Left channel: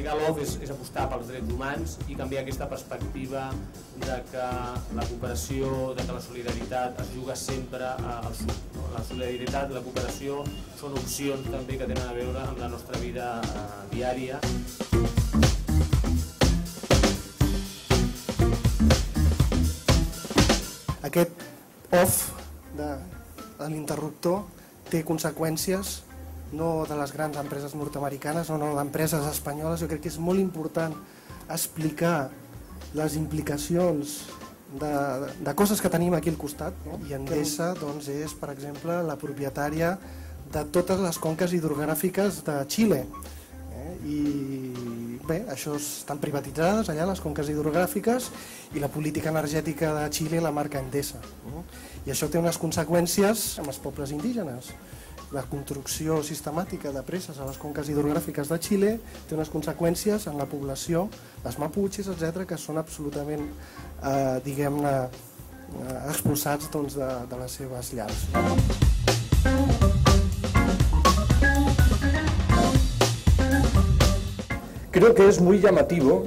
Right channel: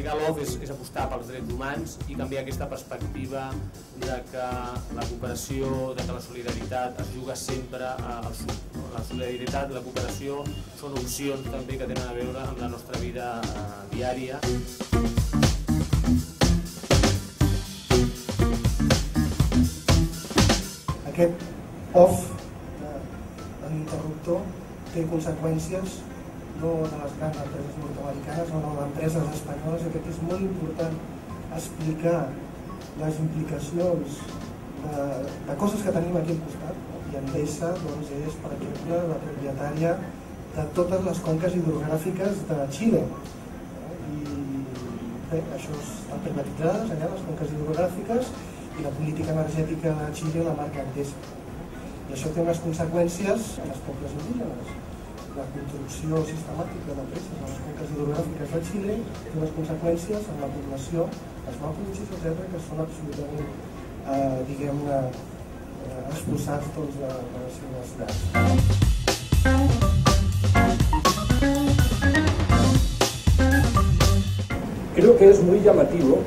aplicar l'OF és apostar pels drets humans i canviar aquesta perspectiva de que la cooperació, de que la solidaritat es juga sempre al sud. La solidaritat i la cooperació són opcions també que tenen a veure amb la nostra vida diària. Aquest off de l'interruptor té conseqüències no de les grans empreses nord-americanes o no d'empreses espanyoles. Jo crec que és molt important explicar les implicacions de coses que tenim aquí al costat, no? I Endesa és, per exemple, la propietària de totes les conques hidrogràfiques de Xile. I bé, això estan privatitzades allà, les conques hidrogràfiques, i la política energètica de Xile la marca Endesa. I això té unes conseqüències en els pobles indígenes. La construcció sistemàtica de preses a les conques hidrogràfiques de Xile té unes conseqüències en la població, els maputxes, etc., que són absolutament, diguem-ne, expulsats de les seves llars. Creo que es muy llamativo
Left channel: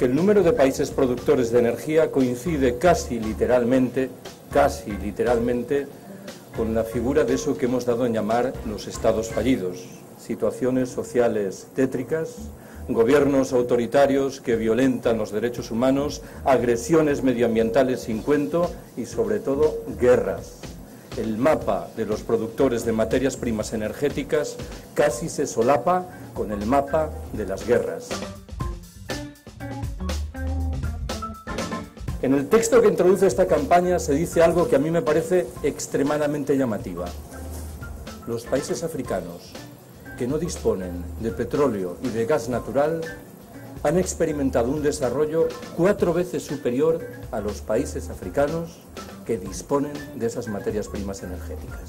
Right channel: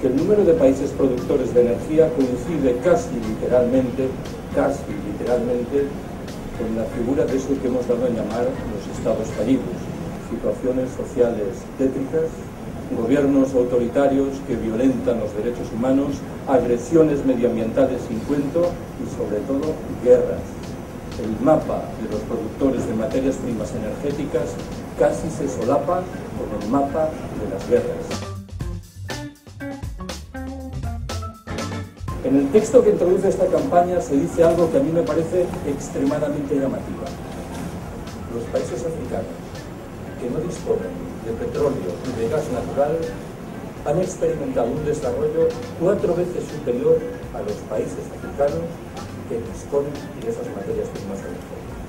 que el número de países productores de energía coincide casi literalmente con la figura de eso que hemos dado en llamar los estados fallidos, situaciones sociales tétricas, gobiernos autoritarios que violentan los derechos humanos, agresiones medioambientales sin cuento y sobre todo guerras. El mapa de los productores de materias primas energéticas casi se solapa con el mapa de las guerras. En el texto que introduce esta campaña se dice algo que a mí me parece extremadamente llamativa. Los países africanos que no disponen de petróleo y de gas natural han experimentado un desarrollo 4 veces superior a los países africanos que disponen de esas materias primas energéticas.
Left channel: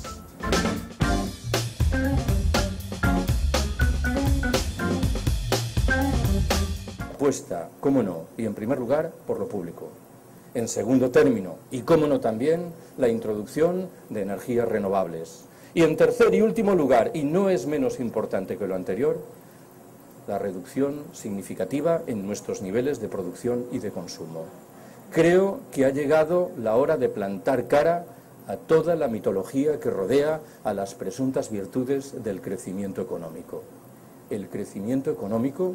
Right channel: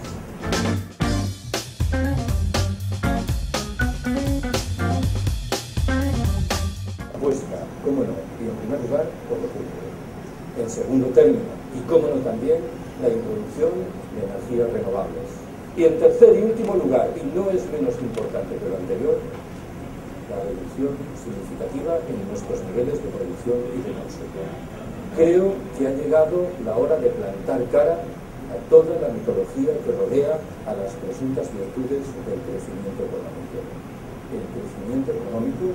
Apuesta, cómo no, y en primer lugar, por lo público. En segundo término, y cómo no también, la introducción de energías renovables. Y en tercer y último lugar, y no es menos importante que lo anterior, la reducción significativa en nuestros niveles de producción y de consumo. Creo que ha llegado la hora de plantar cara a toda la mitología que rodea a las presuntas virtudes del crecimiento económico. El crecimiento económico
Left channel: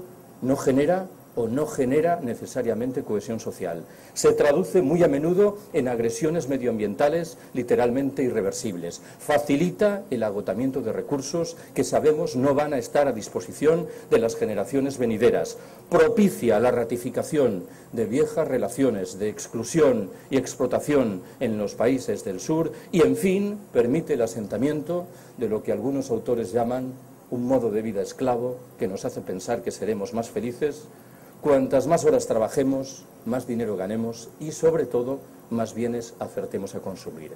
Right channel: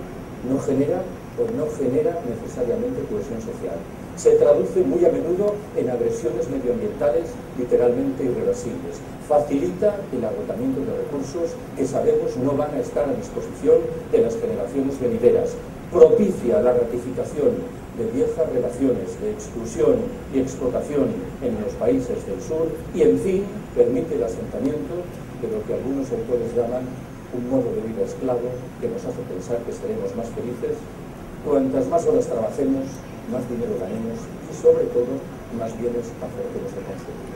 no genera o no genera necesariamente cohesión social. Se traduce muy a menudo en agresiones medioambientales literalmente irreversibles. Facilita el agotamiento de recursos que sabemos no van a estar a disposición de las generaciones venideras. Propicia la ratificación de viejas relaciones de exclusión y explotación en los países del sur y, en fin, permite el asentamiento de lo que algunos autores llaman un modo de vida esclavo que nos hace pensar que seremos más felices cuantas más horas trabajemos, más dinero ganemos y, sobre todo, más bienes acertemos a consumir.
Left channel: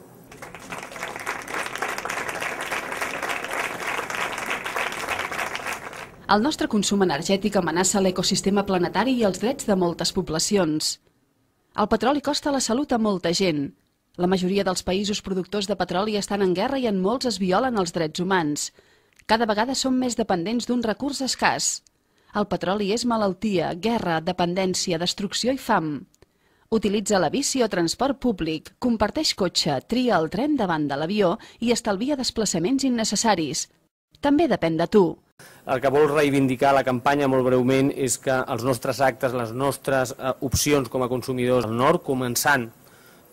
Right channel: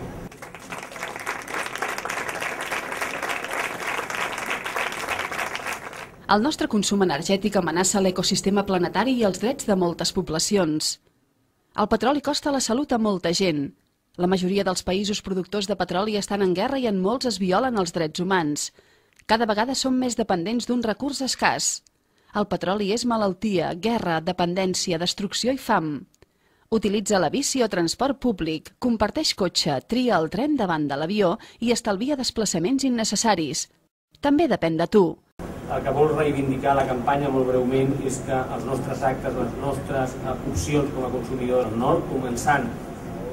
El nostre consum energètic amenaça l'ecosistema planetari i els drets de moltes poblacions. El petroli costa la salut a molta gent. La majoria dels països productors de petroli estan en guerra i en molts es violen els drets humans. Cada vegada som més dependents d'un recurs escàs. El petroli és malaltia, guerra, dependència, destrucció i fam. Utilitza la bici o transport públic, comparteix cotxe, tria el tren davant de l'avió i estalvia desplaçaments innecessaris. També depèn de tu. El que vol reivindicar la campanya molt breument és que els nostres actes, les nostres opcions com a consumidors al nord, començant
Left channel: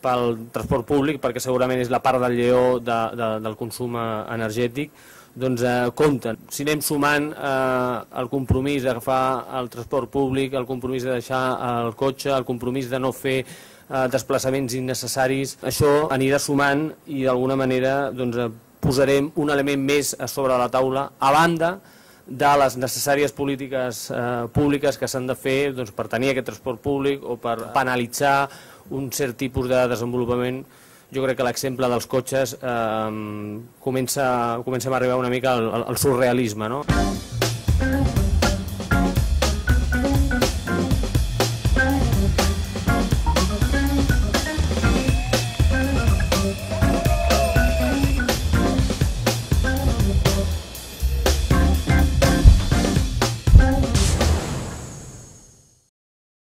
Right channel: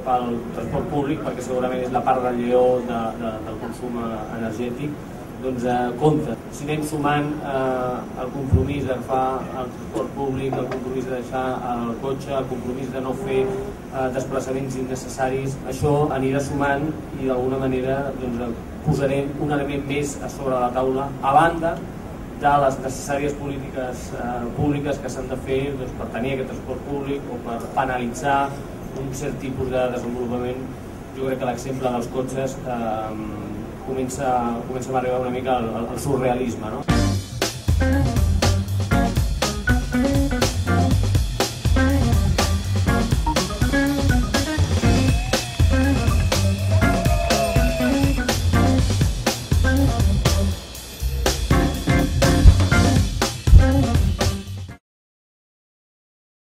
pel transport públic, perquè segurament és la part del lleó del consum energètic, doncs compten. Si anem sumant el compromís d'agafar el transport públic, el compromís de deixar el cotxe, el compromís de no fer desplaçaments innecessaris, això anirà sumant i d'alguna manera posarem un element més a sobre la taula, a banda de les necessàries polítiques públiques que s'han de fer per tenir aquest transport públic o per penalitzar un cert tipus de desenvolupament. Jo crec que l'exemple dels cotxes comencem a arribar una mica al surrealisme, no?